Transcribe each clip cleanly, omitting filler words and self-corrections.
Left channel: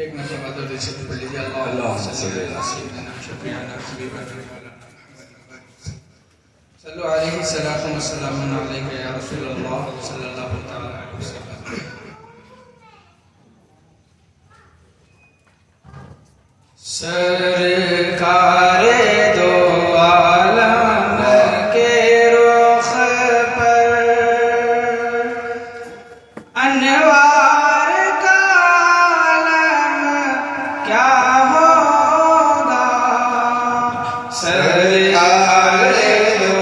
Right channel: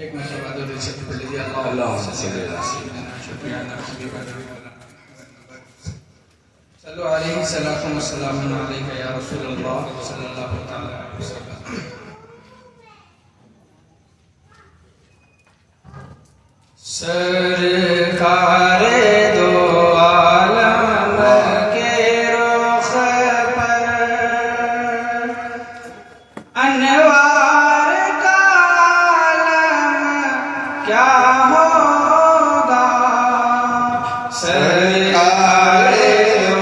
एक मरतबा दरूद शरीफ पढ़ लीजिए। अल्लाह सल्लल्लाहु अलैहि वसल्लम या रसूलल्लाह सल्लल्लाहु अलैहि वसल्लम। सरकारे दो आलम के रुख पर अनवार का आलम क्या होगा। सरकारे दो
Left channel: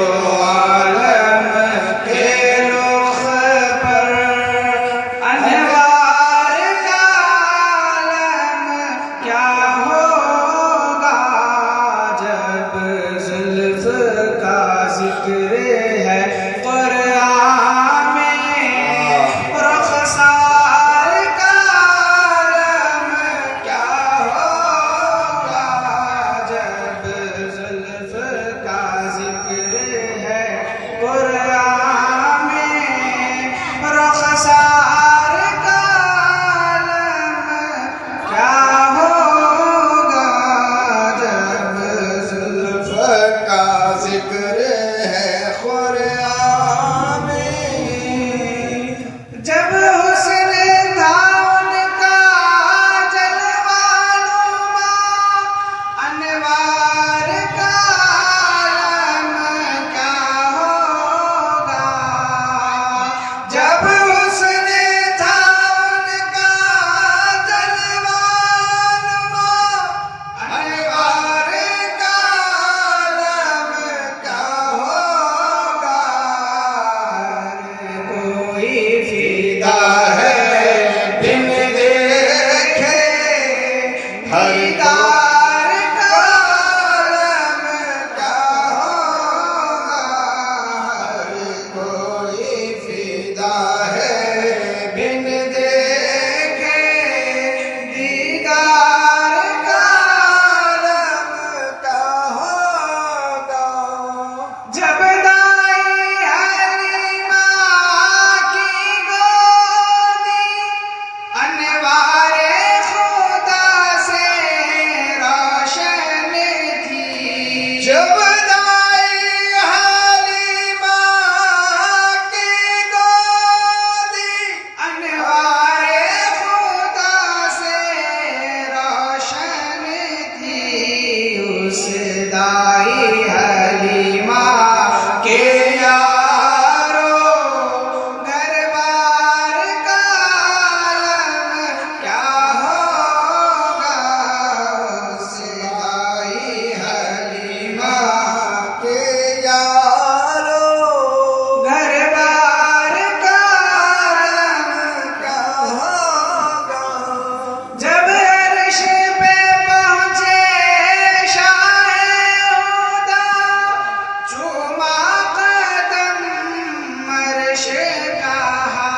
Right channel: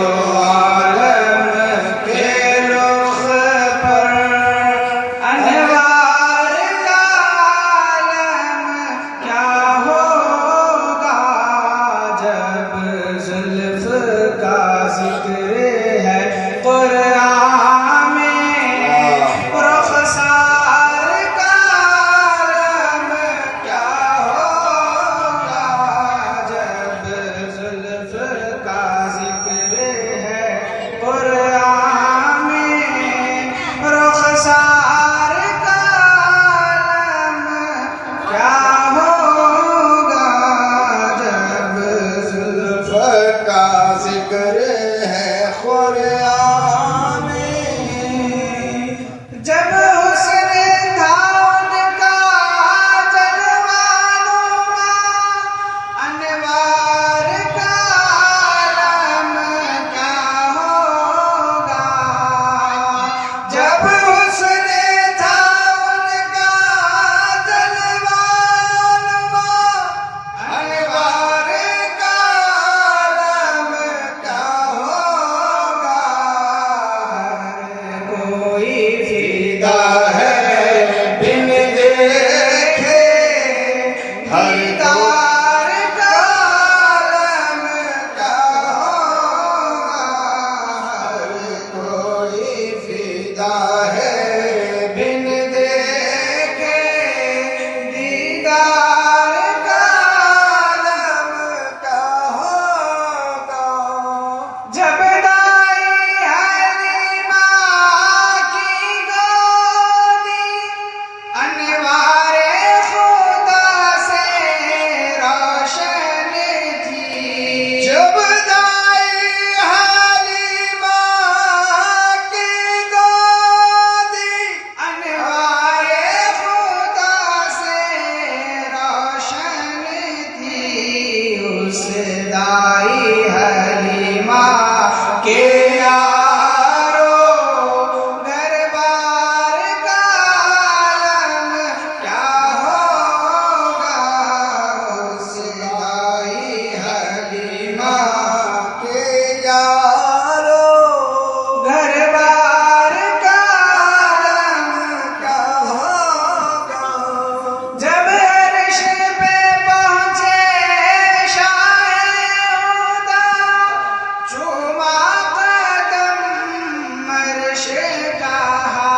आलम के रुख पर अनवार का आलम क्या होगा। जब जुल्फ का जिक्र है कुरान में रुखसार का आलम क्या होगा। जब जुल्फ का जिक्र है कुरान में रुखसार का आलम क्या होगा। जब जुल्फ का जिक्र है कुरान में, जब हुस्न था उनका जलवानुमा अनवार का आलम क्या होगा। जब हुस्न था उनका जलवानुमा अनवार का आलम क्या होगा। कोई फिदा है बिन देखे दीदार का आलम क्या होगा। कोई फिदा है बिन देखे दीदार का आलम का होगा। जब दाई हलीमा की गोदी अनवारे खुदा से रोशन थी। जब दाई हलीमा की गोदी अनवारे खुदा से रोशन थी। उस दाई हलीमा के यारो दरबार का आलम क्या होगा। उस दाई हलीमा के यारो दरबार का आलम क्या होगा। जब अर्श पे पहुंचे शाह-ए-खुदा चूमा कदम अर्श कहा।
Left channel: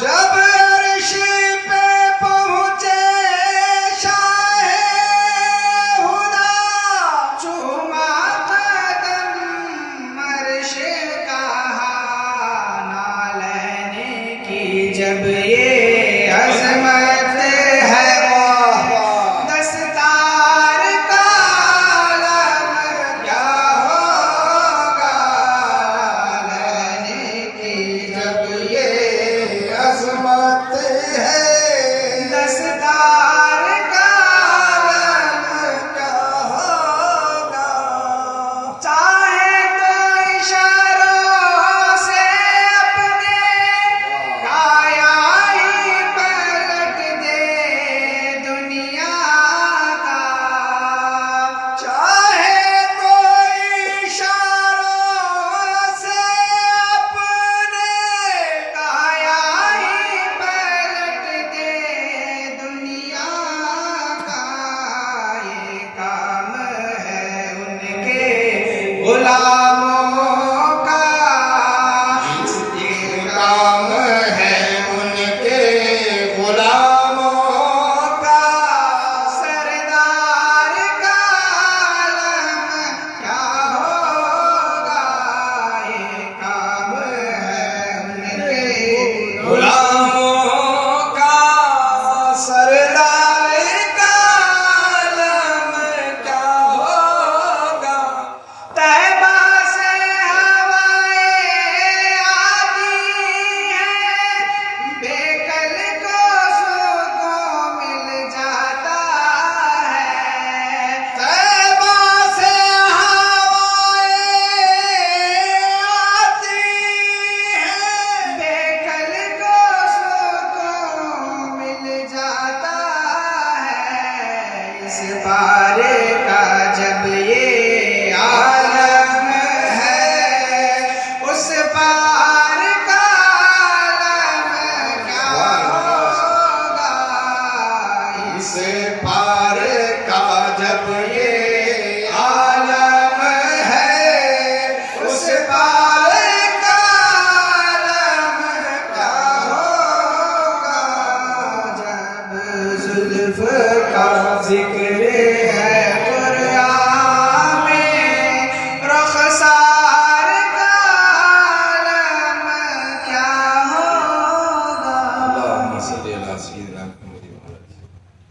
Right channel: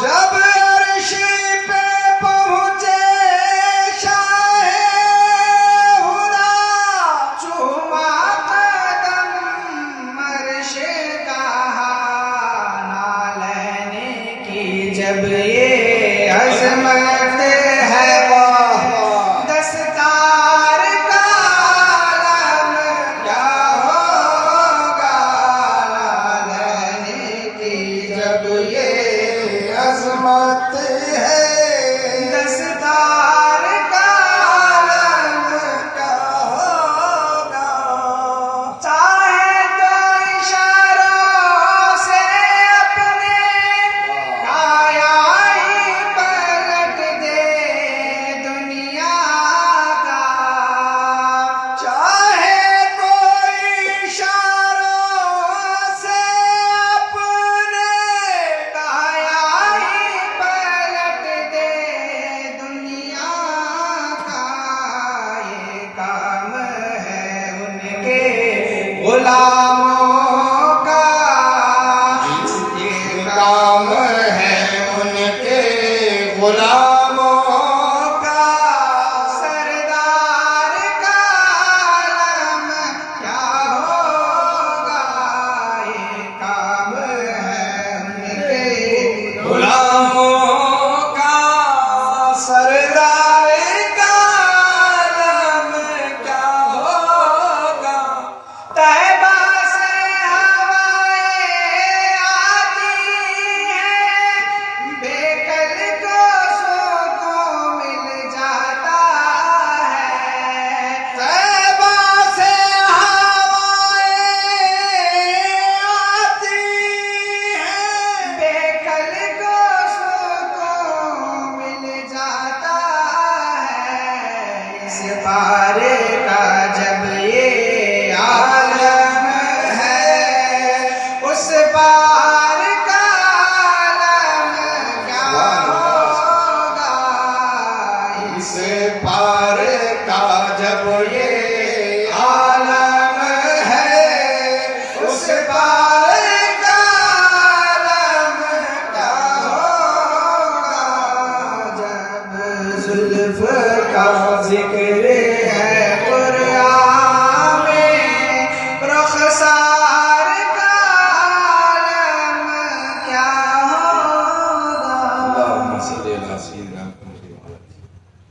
जब अर्श पे पहुंचे शाह-ए-खुदा चूमा कदम अर्श कहा। नालैने की जब ये अजमत है दस्तार का आलम क्या होगा। नालैने की जब ये अजमत है दस्तार का आलम का होगा। चाहे तो इशारों से अपने काया ही पलट दे दुनिया का। चाहे कोई इशारों से अपने काया ही पलट दे दुनिया का। ये काम है उनके गुलामों का। ये काम है उनके गुलामों का। सरदार का आलम क्या होगा। ये काम है उनके गुलामों का सरदार पार का जब ये आलम है, उस पार का आलम क्या होगा। इस पार का जब ये आलम है, उस पार का आलम क्या होगा। जब जुल्फ का जिक्र है कुरान में, रुखसार का आलम क्या होगा। अल्लाहुम्मा सल्ली अला सय्यिदिना